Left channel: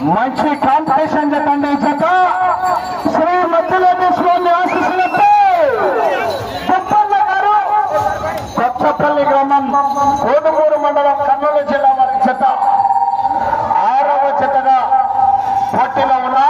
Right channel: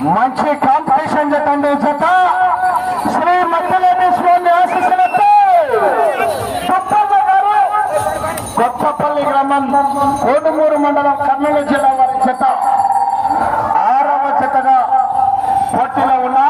మంచి కాంపిటీషన్ చెప్పండి జత శ్రీ మధ్యలోని స్వామి ఆశీస్సులతో కొత్తమ్మ గారు కొత్తపల్లి గ్రామం కోడుమూరు మండలం కర్నూలు జిల్లా వారి జత ఆరవ జతగా పోటీలో ఉన్నారు.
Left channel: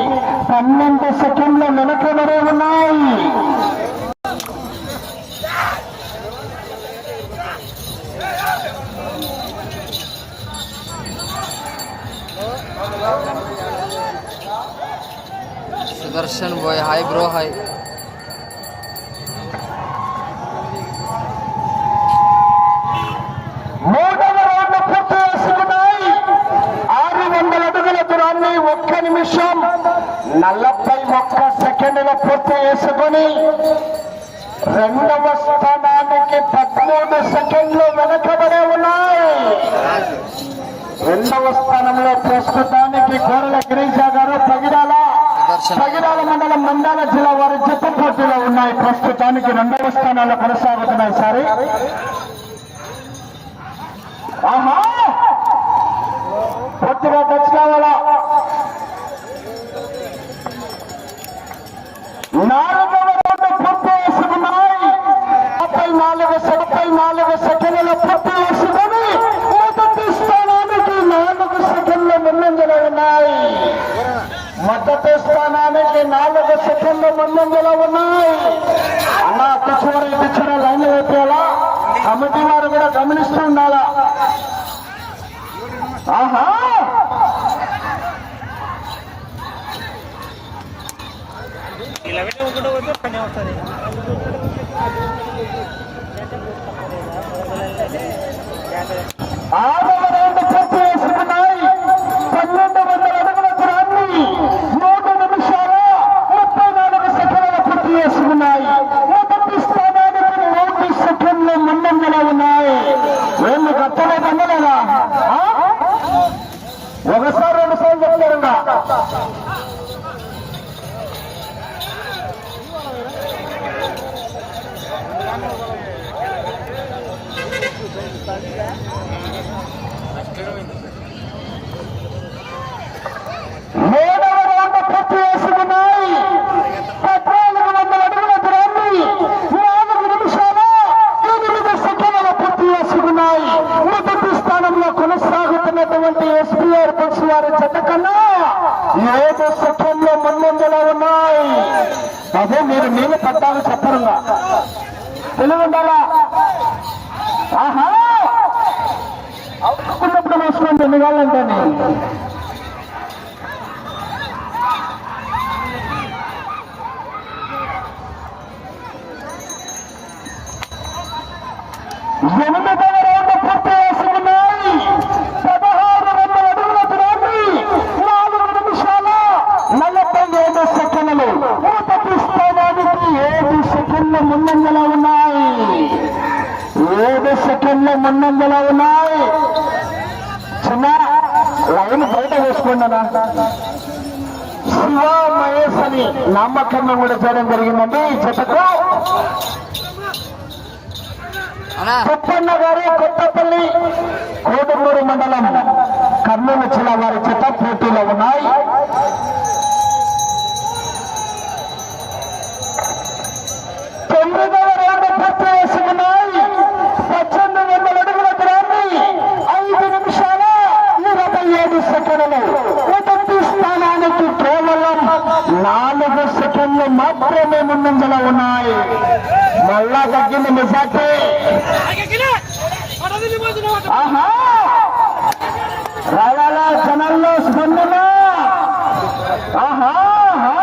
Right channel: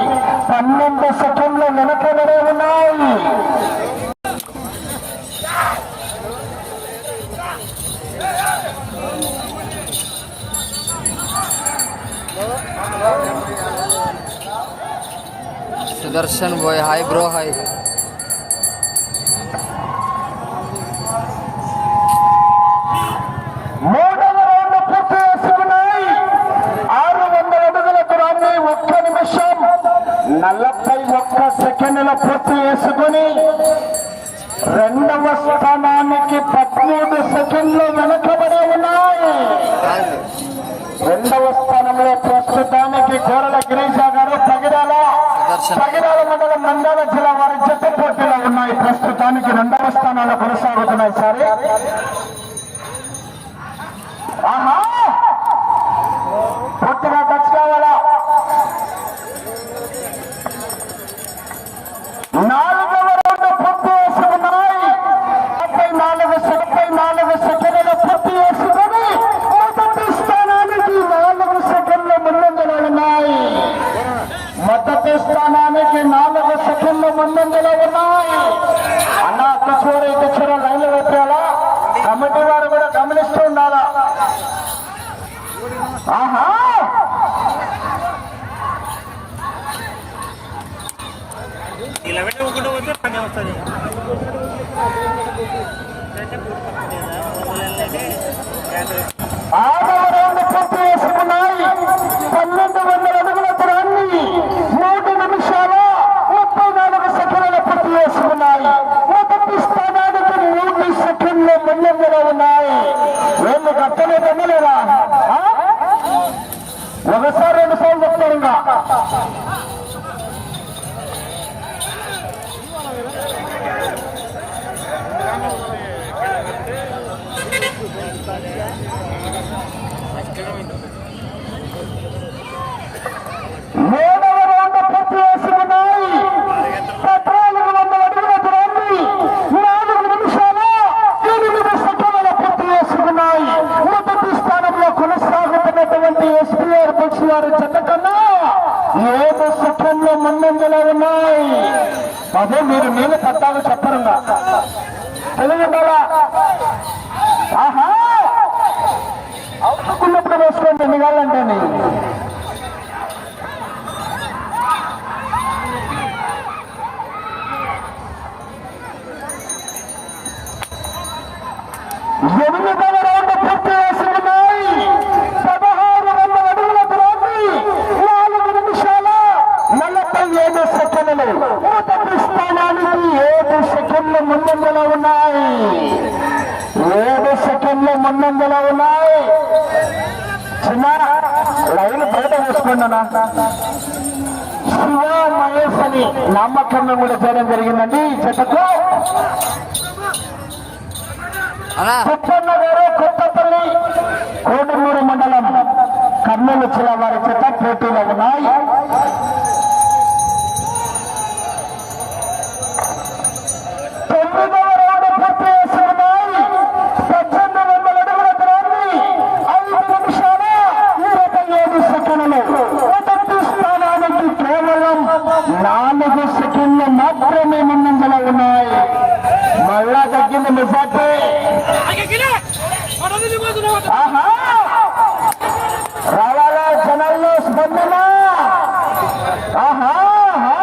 ఉంది పన్నెండు సెకండ్లు వెనకబడే ఉన్నాయి. Sudarshan bye hi bro hi. ఒక్క సెకండ్ల పూర్తి చేసుకుని రెండవ స్థానానికి పదమూడు సెకండ్లు వెనకబడి ఉన్నాయి. రెండవ స్థానంలో ప్రస్తుతానికి గోరల గిరీశ గారు పగిరాల పగిరాల మండలం మండల జిల్లా వారి జత పోటీలో ఉన్నాయి. ప్రస్తుతానికి రెండవ స్థానాల్లో కొనసాగుతున్నాయి సరే పూర్తిగా టచ్ కావాలా నాలుగవ రౌండ్ పూర్తి చేసుకున్నాయి ముప్పై నాలుగు ముప్పై నాలుగు సెకండ్ల పూర్తి చేసుకుని మొదటి స్థానానికి నాలుగు సెకండ్ల ముందంజలో ఉన్నాయి. మొదటి స్థానానికి నాలుగు సెకండ్ల ముందంజలో ఉన్నాయి. అన్న కిచోర కిచోర లైన్లు పెట్టేలా కమిటీ వారు కూడా గమనిస్తూ ఉండాలా? ఆహా! ఇలా పెట్టి ఊరుకుంటూ పోతే పని వస్తుంది. పన్నెండు వందల అడుగుల దూరాన్ని మూడు నిమిషాల ముప్పై నాలుగు సెకండ్ల పూర్తి చేసుకున్నాయి మొదటి స్థానానికి మూడు సెకండ్లు ముందంజలో ఉన్నాయి. గట్టనే పొందలేదా ఒకసారి రెండు సార్లు చెప్తారు కొనసాగుతున్నటువంటి ఎస్పీఆర్ బస్ వారి జత కన్నా ఏడు సెకండ్లు ముందంజలో ఉన్నాయి అదే మీరు నేను పట్టాలు చెప్పరుగా తెలుగు ఆహా! మొదటి వేసుకోండి ఏడు సెకండ్లు ముందంజలో ఉన్నాయి. ఏడు సెకండ్ల ముందంజలా ఉన్నాయి. చిన్న లైన్ బయట అన్న. శివ మహేష్ అని నామకరణం కూడా చేయడం జరిగిందండి. ఈ జతకు అన్నా కొత్తన్న గారు కొత్తపల్లి కోటమూరు మండలం కర్నూలు జిల్లా వారి చేత పోటీలో ఉన్నాయి. తొమ్మిది సెకండ్లు మాత్రమే ముందంజలో ఉన్నాయి. మళ్ళా తగ్గింది మెజార్టీ. ఆహా! రావాలా జనాల్లో స్పందన ఆహా! ఆహా!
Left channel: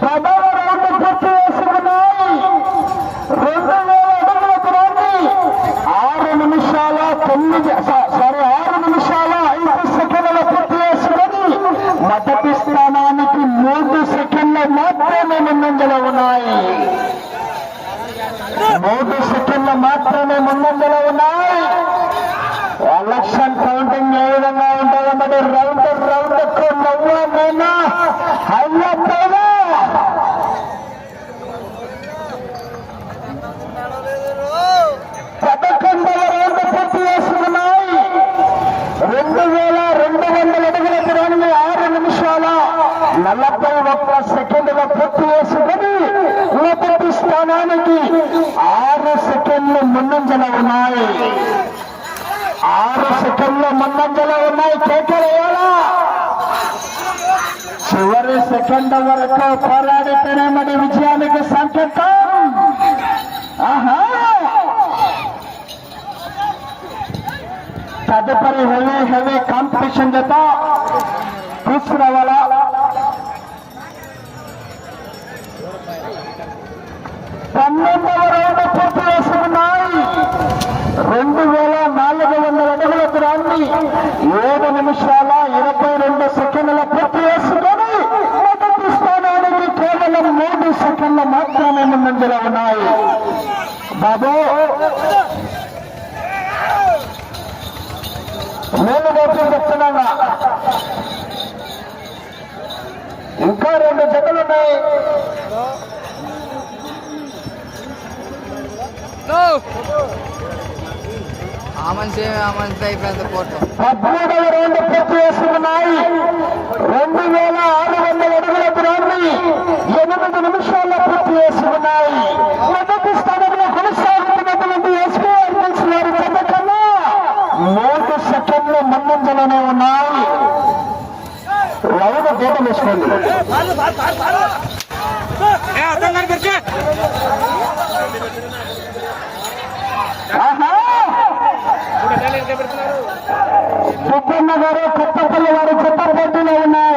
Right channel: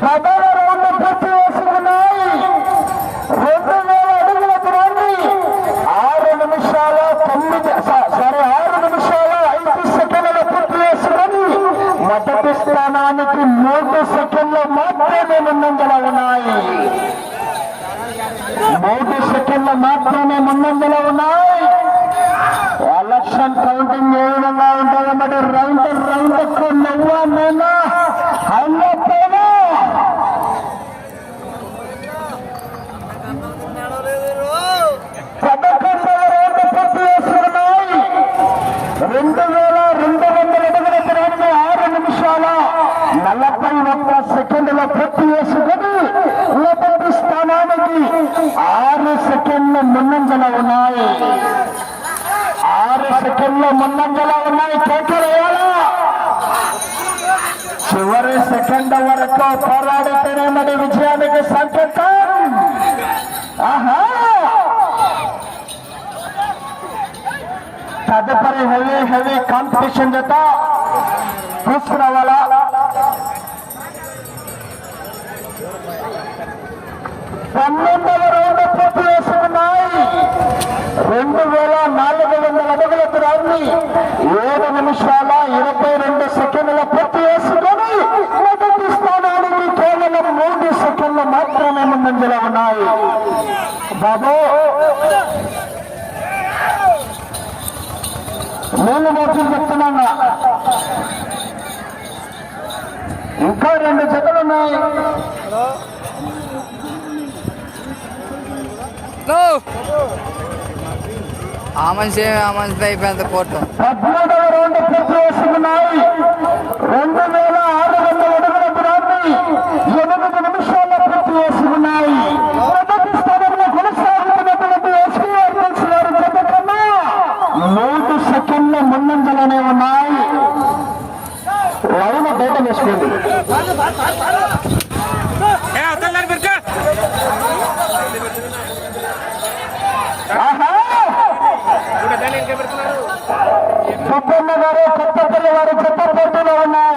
ప్రధాన రోడ్డు పూర్తి చేసుకున్నాయి రెండు వేల అడుగులకు రండి ఆరు నిమిషాల తొమ్మిది స- సారీ ఆరు నిమిషాల ఐదు సెకండ్ల పూర్తి చేసుకుని మొదటి స్థానానికి మూడు సెకండ్ల మాత్రమే ముందంజలో ఉన్నాయి. మూడు సెకండ్ల మాత్రమే ముందంజలో ఉన్నాయి. ఎలక్షన్ కౌంటింగ్ ఏ విధంగా ఉంటుందంటే రౌండ్ రౌండ్ నవ్వా నేనా. హైలో పదకొండవ రౌండ్ పూర్తి చేసుకున్నాయి రెండు వేల రెండు వందల అడుగుల దూరాన్ని ఆరు నిమిషాల నలభై ఒక్క సెకండ్ల పూర్తి చేసుకుని మొదటి స్థానానికి ఆరు సెకండ్లు ముందంజల ఉన్నాయి. ఆరు సెకండ్లు ముందంజల ఉన్నాయి. కేకలు వేయాలా? చివరి సెకండ్ వరకు పోరాడితేనే మరి విజయానికి సంకేతం. తదుపరి హెవీ హెవీ కాంపిటీషన్ జత. వాళ్ళ పన్నెండవ రౌండ్ పూర్తి చేస్తున్నాయి. రెండు వేల నాలుగు వందల అడుగుల గ్రాన్ని ఏడు నిమిషాల ఇరవై రెండు సెకండ్ల పూర్తి చేసుకొని మొదటి స్థానానికి కేవలం మూడు సెకండ్లు మాత్రమే ముందంజలో ఉన్నాయి. బాబు నేను వేసి చెప్తున్నాను. ఇంకా రెండు జతలు ఉన్నాయి. ఆ మనిషి ఆ మనిషి అయిపోయింది కోట పద్మూడవ రౌండ్ పూర్తి చేసుకున్నాయి. రెండు వేల ఆరు వందల అడుగుల దూరాన్ని ఎనిమిది నిమిషాల్లో పూర్తి చేసుకున్నాయి. మొదటి స్థానంలో కొనసాగుతున్నటువంటి ఎస్పీఆర్ గారి జత కన్నా మూడు సెకండ్ల ముందంజలనే ఉన్నాయి. లైన్ దూట వేసుకోండి. సుబ్బన్న గారు కొత్తపల్లి వారి చెత్త పోటీలో ఉన్నాయి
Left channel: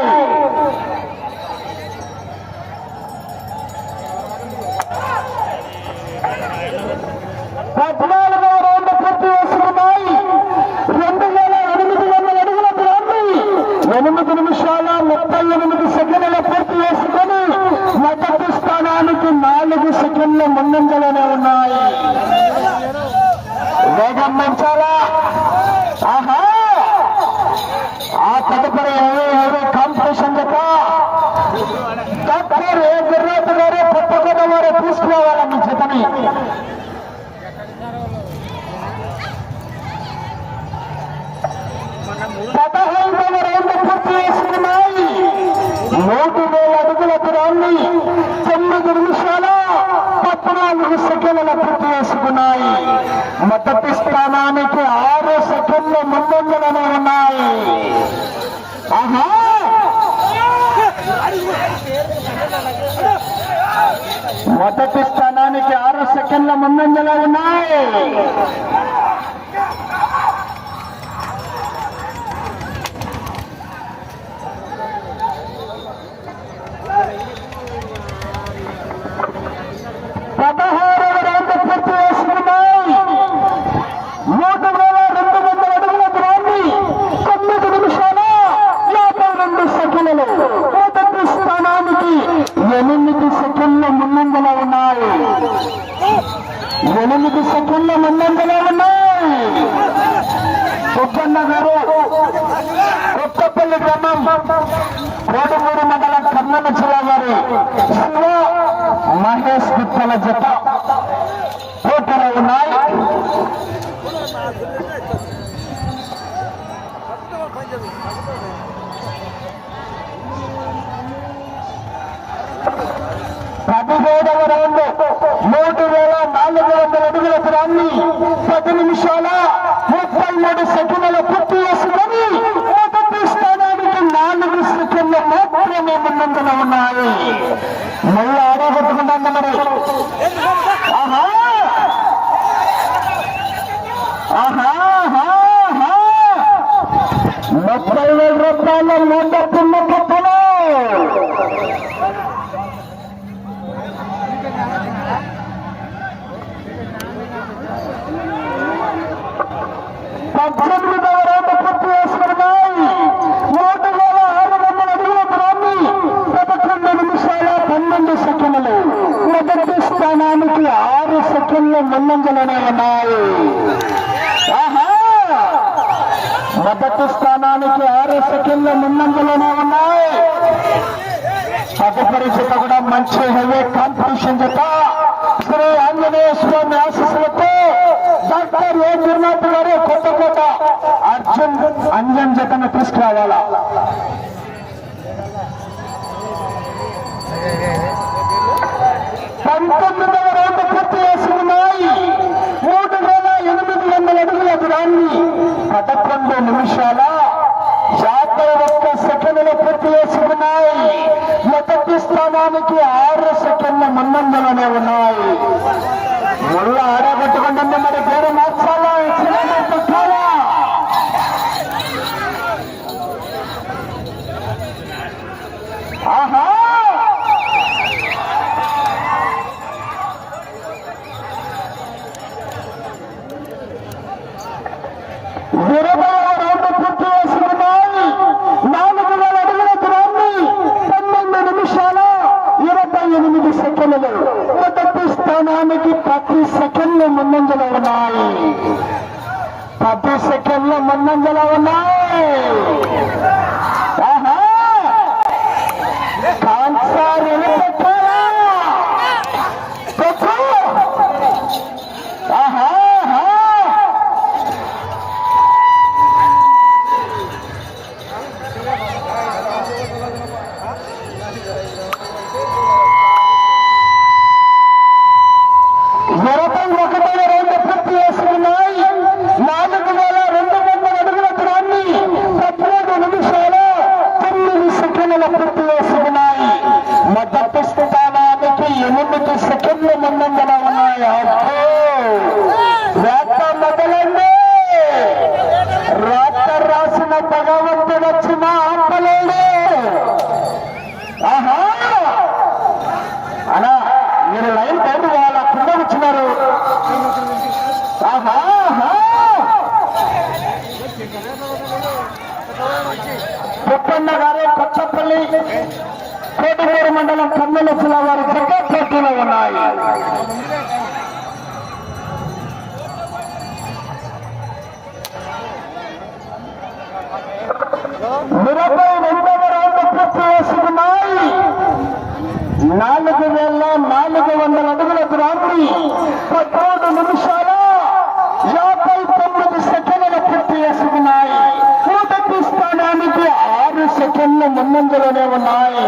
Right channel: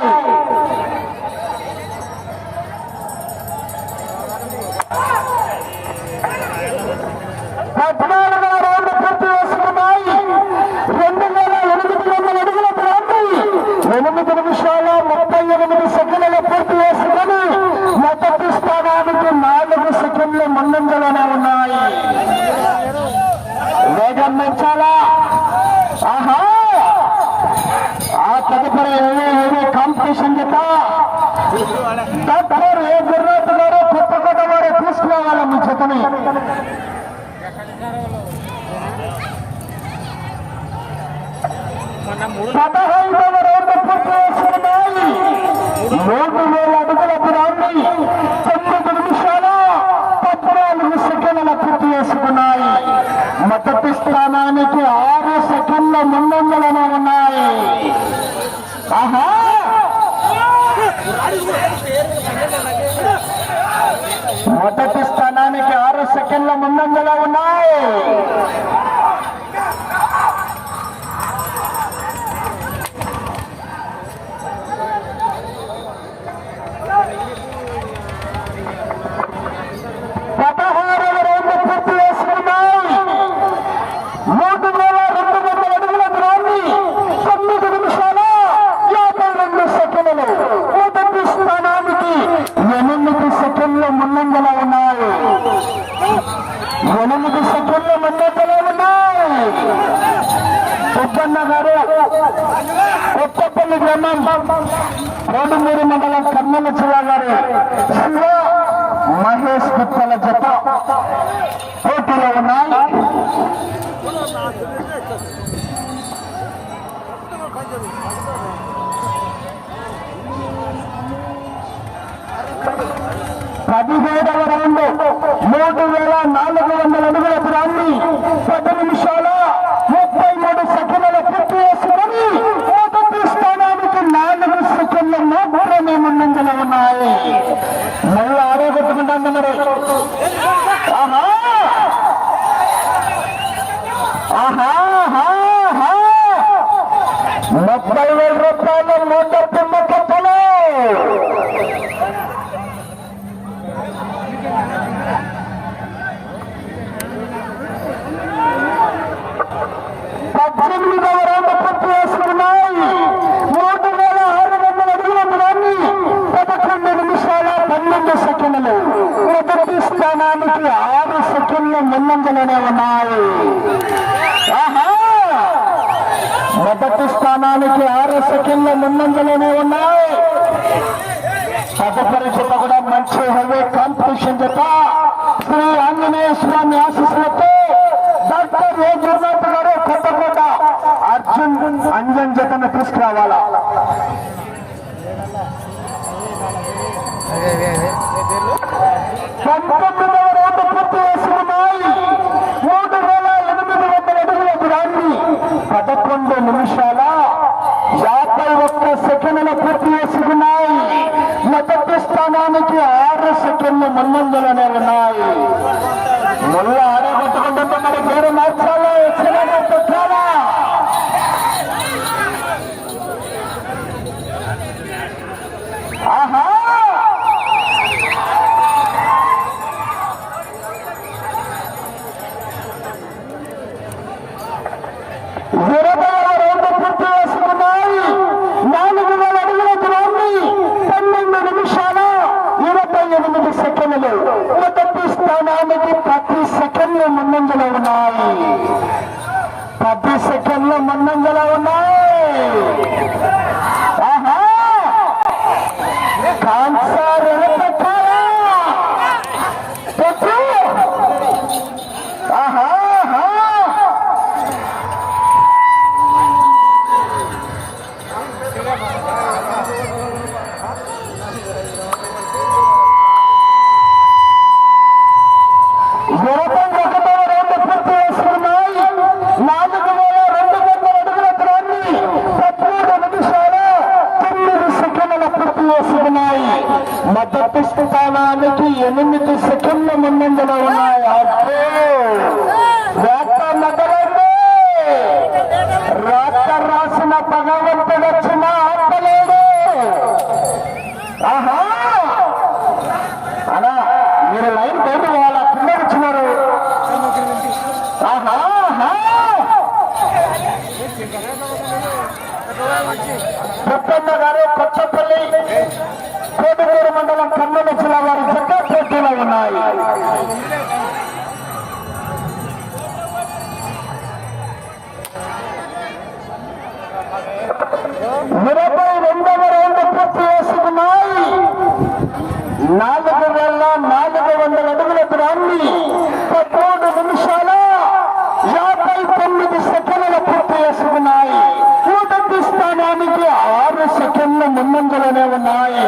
పూర్తి చేసుకున్నాయి. మొదటి స్థానానికి ఆరు సెకండ్ల ముందంజలనే ఉన్నాయి. ఆహా మొదటి స్థానానికి ఆరు సెకండ్ల ముందంజలో ఉన్నాయి పదహారవ రౌండ్ పూర్తి చేసుకున్నాయి మూడు వేల రెండు వందల అడుగుల దూరాన్ని తొమ్మిది నిమిషాల యాభై రెండు సెకండ్లు మొదటి స్థానానికి ఎనిమిది సెకండ్ల ముందంజలో ఉన్నాయి ఎనిమిది సెకండ్ల ముందంజలో ఉన్నాయి సుబ్బన్న గారు కొత్తపల్లి గ్రామం కోడుమూరు మండలం కర్నూలు జిల్లా వారి శివ మహేష్ గుత్తల జత. పోటీలో ఉన్నాయి. పదిహేడవ రౌండ్ మూడు వేల నాలుగు వందల అడుగుల దూరాన్ని పది నిమిషాల ముప్పై మూడు సెకండ్ల పూర్తి చేసుకొని మొదటి స్థానానికి నాలుగు సెకండ్లు మాత్రమే ఉన్నాయి మళ్ళీ ఆడే ఆడగొట్టుకుంటాం మరి ఆహా ఆహా ఆహా, ఆహా. ముప్పై వేల రూపాయల నూట పిల్ల కట్టలు పద్దెనిమిదవ రౌండ్ పూర్తి చేసుకున్నాయి మూడు వేల ఆరు వందల అడుగుల దూరాన్ని పదకొండు నిమిషాల పన్నెండు సెకండ్లు మొదటి స్థానానికి ఆరు సెకండ్లు ముందంజలోనే ఉన్నాయి ఆహా! మొదటి స్థానానికి ఆరు సెకండ్లు ముందంజలోనే ఉన్నాయి. తదుపరి జత కూడా మంచి హెవీ కాంపిటీషన్ జత శ్రీ ఆంజనేయ స్వామి ఆశీస్సులతో డాక్టర్ ఏ జగన్నాథ్ గారు కొత్తకోట అర్జున్ అంజన్ జతను తీసుకురావాలా? పంతొమ్మిది రౌండ్ పూర్తి చేసుకున్నాయి మూడు వేల ఎనిమిది వందల అడుగుల దూరాన్ని పదకొండు నిమిషాల యాభై ఒక్క సెకండ్లు పూర్తి చేసుకున్నాయి మొదటి స్థానానికి ఆరు సెకండ్ల ముందంజలోనే ఉన్నాయి ముళ్ళ ఆడగొట్టుకుంటుంది మరి పేరు మార్చాలా ఎక్సలెంట్ పెట్టాలా ఆహా ఇరవై రెండు పూర్తి చేసుకున్నాయి నాలుగు వేల అడుగుల దూరాన్ని పన్నెండు నిమిషాల ఇరవై ఎనిమిది సెకండ్లు మొదటి స్థానానికి ప్రతి సెకండ్లు ముందంజలో ఉన్నాయి పది సెకండ్లు ముందంజలో ఉన్నాయి ఆహా! కాన్సర్ వెనకట్టాలా? పెట్టు! ఆహా ఆహా! ఇరవై ఒకటవ రౌండ్ పూర్తి చేసుకున్నాయి నాలుగు వేల రెండు వందల అడుగుల దూరాన్ని పదమూడు నిమిషాలు తొమ్మిది సెకండ్ల పూర్తి చేసుకున్నాయి మొదటి స్థానానికి ఎనిమిది సెకండ్ల ముందంజలో ఉన్నాయి అబ్బో! వేట మొదలండి రాత రాసిన ఆపలేడు ఆహా! అలా మీరు లైన్ బయట కింద వచ్చినారు ఆహా! ఆహా. గారు కొత్తపల్లి కోటగూరు మండలం కర్నూలు జిల్లా గారు జగ్గ పోటీలో ఉన్నాయి. ఇరవై రెండవ రౌండ్ పూర్తి చేసుకున్నాయి నాలుగు వేల నాలుగు వందల అడుగుల దూరాన్ని పదమూడు నిమిషాల యాభై తొమ్మిది సెకండ్ల పూర్తి చేసుకున్నాయి మొదటి స్థానానికి ఆరు సెకండ్ల ముందంజలోనే ఉన్నాయి.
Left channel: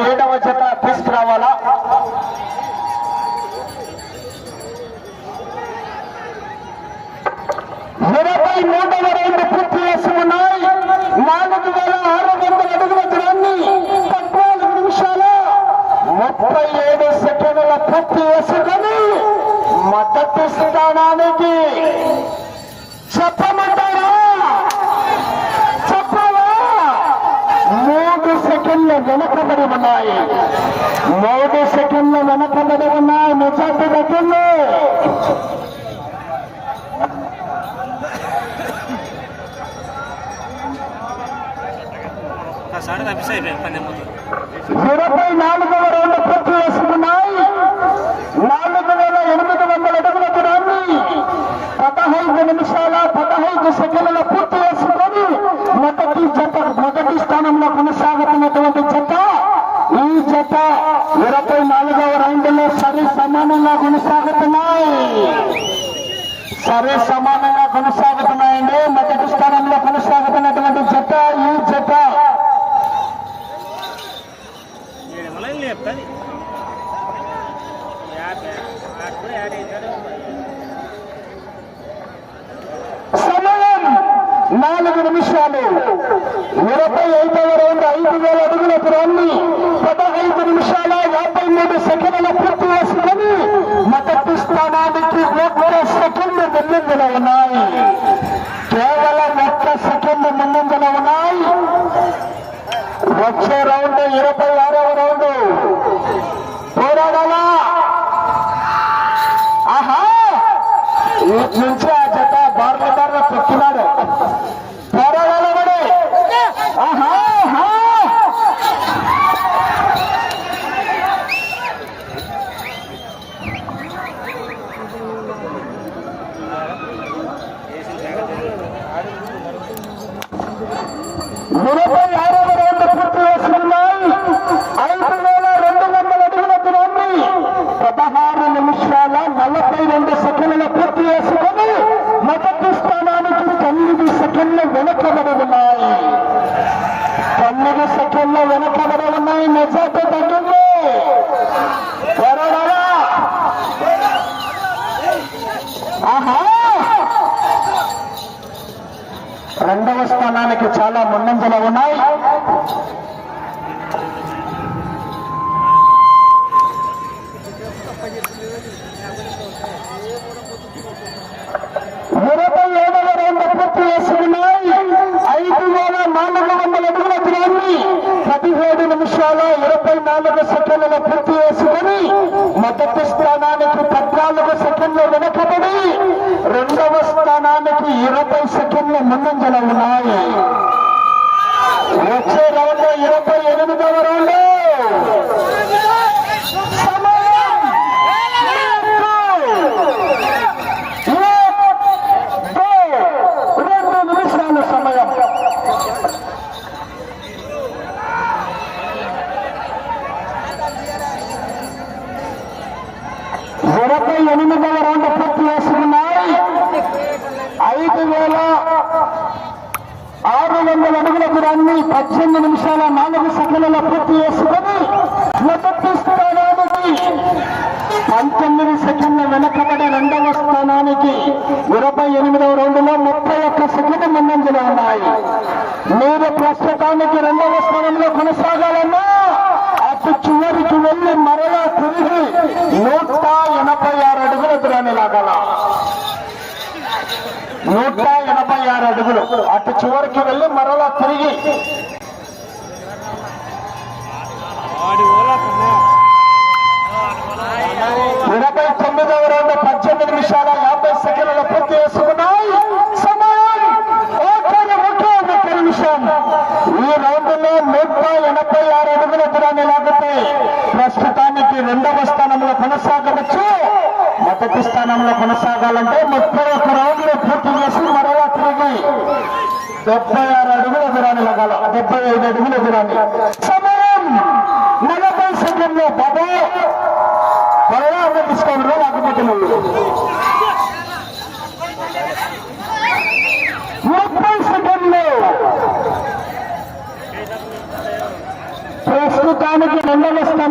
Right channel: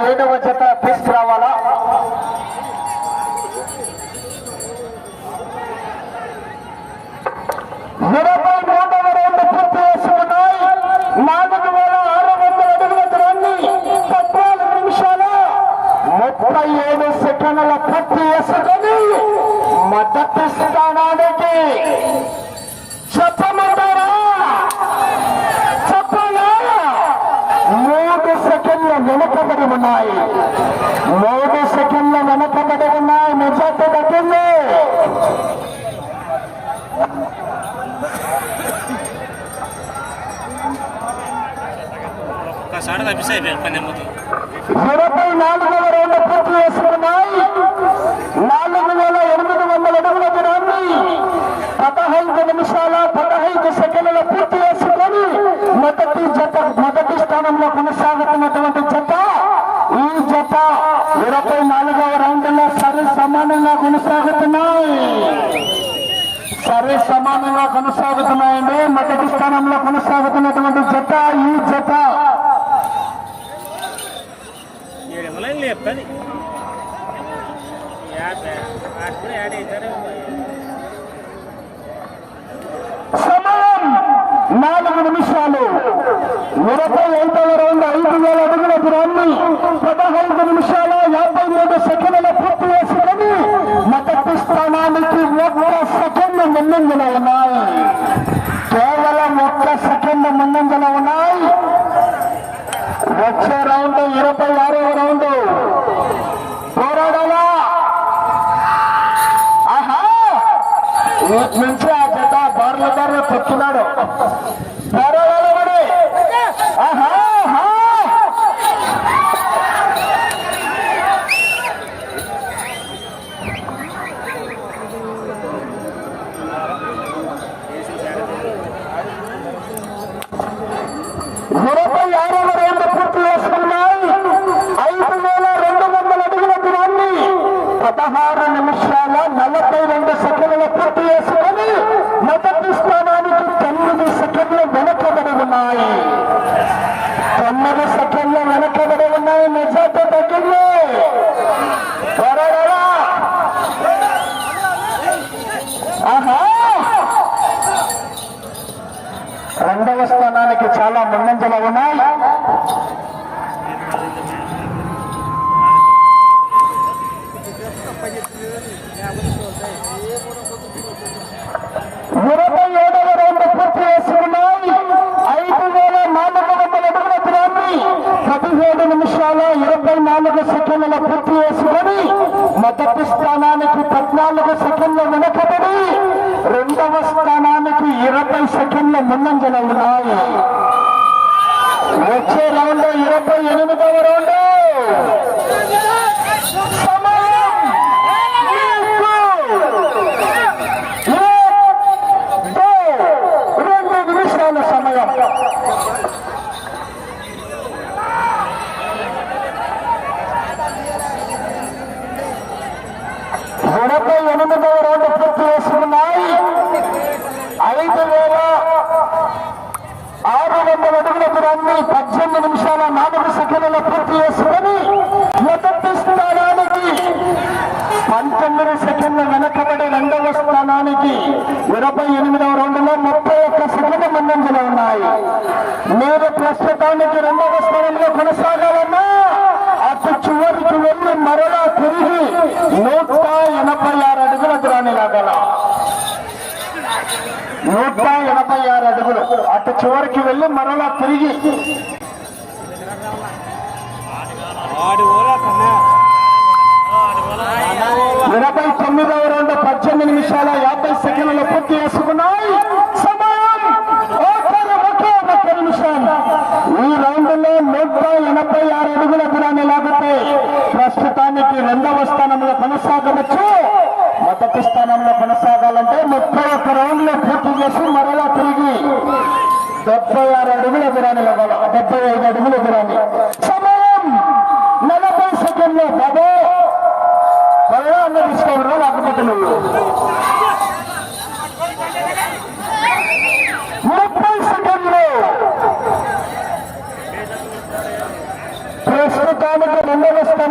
తదుపరి ఏడవ జత తీసుకురావాలా? ఇరవై మూడవ రౌండ్ పూర్తి చేసుకున్నాయి నాలుగు వేల ఆరు వందల అడుగుల దూరాన్ని పద్నాలుగు నిమిషాలు ముప్పై ఏడు సెకండ్ల పూర్తి చేసుకొని మొదటి స్థానానికి చెప్పమంటారా చెప్పాలా మూడు సెకండ్లు వెనకబడి ఉన్నాయి మూడు సెకండ్లు వెనకబడి ఉన్నాయి నిజాన్ని పెట్టండి ఒక్కసారి తప్పిస్తే అయిపోయింది పని మొత్తం ఇరవై నాలుగవ రౌండ్ పూర్తి చేసుకున్నాయి. నాలుగు వేల ఎనిమిది వందల అడుగుల దూరాన్ని పదహైదు నిమిషాల పదహైదు సెకండ్ల పూర్తి చేసుకొని మొదటి జత మొదటి స్థానంలో కొనసాగుతున్నటువంటి జత ఈ జత ఇరవై నాలుగవ రౌండ్లో సరి సమానంగా కొనసాగుతున్నాయి. సరే సమానంగా కొనసాగుతున్నాయండి. మొదటి స్థానంలో కొనసాగుతున్నటువంటి జత ఈ జత ఏమన్నా చెప్తాను సమయం నాలుగు నిమిషాలు ఇరవై ఐదవ రౌండ్ ఐదు వేల అడుగుల దూరాన్ని పదహైదు నిమిషాల యాభై మూడు సెకండ్ల పూర్తి చేసుకుని మొదటి కూడా ఒక్క సెకండ్ ముందంజలో ఉన్నాయి కేవలం ఒక్క సెకండ్ ముందంజలో ఉన్నాయి వచ్చే రౌండ్ ఇరవై ఆరవ రౌండ్ పోరాడాలా ఆహా నుంచి ఆ జత బార్ల బార్ల తొక్కినాడు పోరాడాలి ఆహా ఆహా. ఇరవై ఆరవ రౌండ్ పూర్తి చేసుకున్నాయి ఐదు వేల రెండు వందల అడుగుల దూరాన్ని పదహారు నిమిషాల నలభై రెండు సెకండ్ల పూర్తి చేసుకొని మొదటి స్థానానికి తొమ్మిది సెకండ్లు వెనకబడి ఉన్నాయి. తొమ్మిది సెకండ్లు వెనకబడి ఉన్నాయి. మెజార్టీ తగ్గింది. ఆహా! రెండవ స్థానానికి చాలా ముందంజలో ఉన్నాయి. నాలుగు పూర్తి చేసుకొని మొదటి స్థానానికి పద్నాలుగు సెకండ్లు వెనకబడి రెండవ స్థానానికి ఇరవై సెకండ్ల ముందంజలో ఉన్నాయి. వచ్చే రౌండ్ ఇరవై ఎనిమిదవ రౌండ్ సమయం మీకు రెండు నిమిషాల సమయం డెబ్బై ఎనిమిదవ రౌండ్ పూర్తి చేసుకున్నాయి ఐదు వేల ఆరు వందల అడుగుల దూరాన్ని పద్దెనిమిది నిమిషాల నాలుగు సెకండ్లలో పూర్తి చేసుకొని మొదటి స్థానానికి పంతొమ్మిది సెకండ్ల వెనకబడి రెండవ స్థానానికి ఇరవై ఎనిమిదవ రౌండ్లో ముప్పై ఒక్క సెకండ్ ముందంజలో ఉన్నాయి. మీరు ప్రస్తుతానికి రెండవ స్థానంలో కొనసాగాలన్నా అటు చివరికి వెళ్ళి మరలా తిరిగి నూట ఎనభై ఆరు అడుగుల దూరాన్ని లాగల. నూట ఎనభై ఆరు అడుగులు. అటు చివరికి వెళ్ళి మరలా తిరిగి ప్రోగ్రాం ఎలాగైతే ప్రస్తుతానికి రెండవ స్థానంలో కొనసాగవచ్చు. మొదటి స్థానంలో కొనసాగాలంటే ముప్పై ఒక్క రౌండ్లు పూర్తి చేసి మరలా తిరిగి డెబ్బై ఆరు అడుగుల దూరాన్ని లాగాలి. డెబ్బై ఐదు అడుగుల దూరాన్ని. సమయం నలభై సెకండ్లు. బాబా త్వరగా అన్న తీసుకోవడం లేకపోతే నువ్వు ముప్పై సెకండ్లు ప్రస్తుతానికి రెండవ స్థానంలో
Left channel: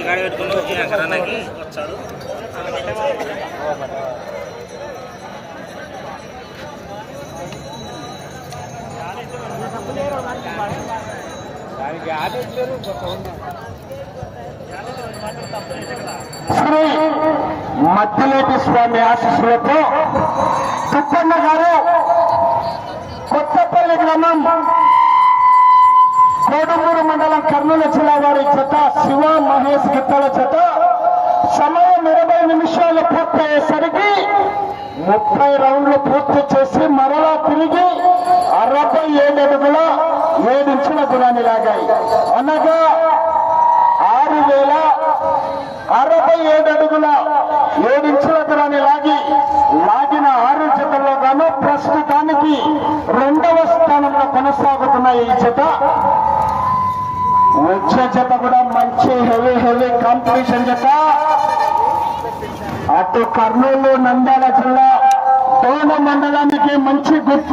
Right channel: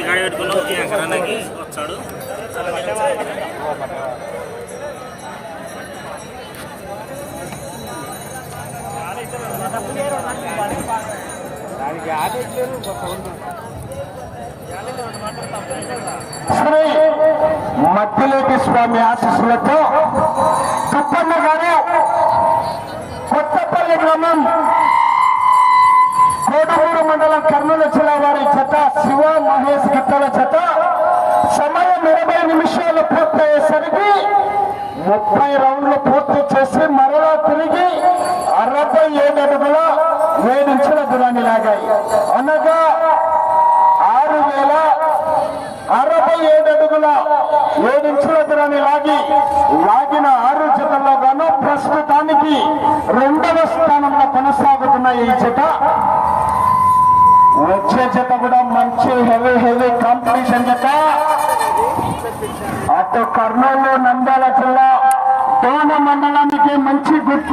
గాడి పెట్టుకున్నావు ఈ అక్కడానికి వచ్చాడు. శ్రీ మద్దిలేటి స్వామి ఆశీస్సులతో తుప్పన్న గారు కొత్తపల్లి గ్రామం కోడుమూరు మండలం కర్నూలు జిల్లా వారి చెత్త శివ మహేష్ గిత్తల చెత్త సమయం ఇరవై నిమిషాలు పూర్తయ్యేసరికి ముప్పై రౌండ్లు పూర్తి చేసి మరలా తిరిగి అరవై ఏడు అడుగుల ఏడించిన గుణాన్ని లాగాయి. అనగా ఆరు వేల అరవై ఏడు అడుగుల ఏడించుల దూరాన్ని లాగి లాగిన ఆరు జతల్లో గాను ప్రస్తుతానికి రెండవ స్థానంలో కొనసాగుతున్నాయి ఈ జత వచ్చే జత కూడా మంచి హెవీ హెవీ కాంపిటీషన్ జత అటు కర్నూలు నంద్యాల జిల్లా దోమ మండలానికి మంచి గుర్తు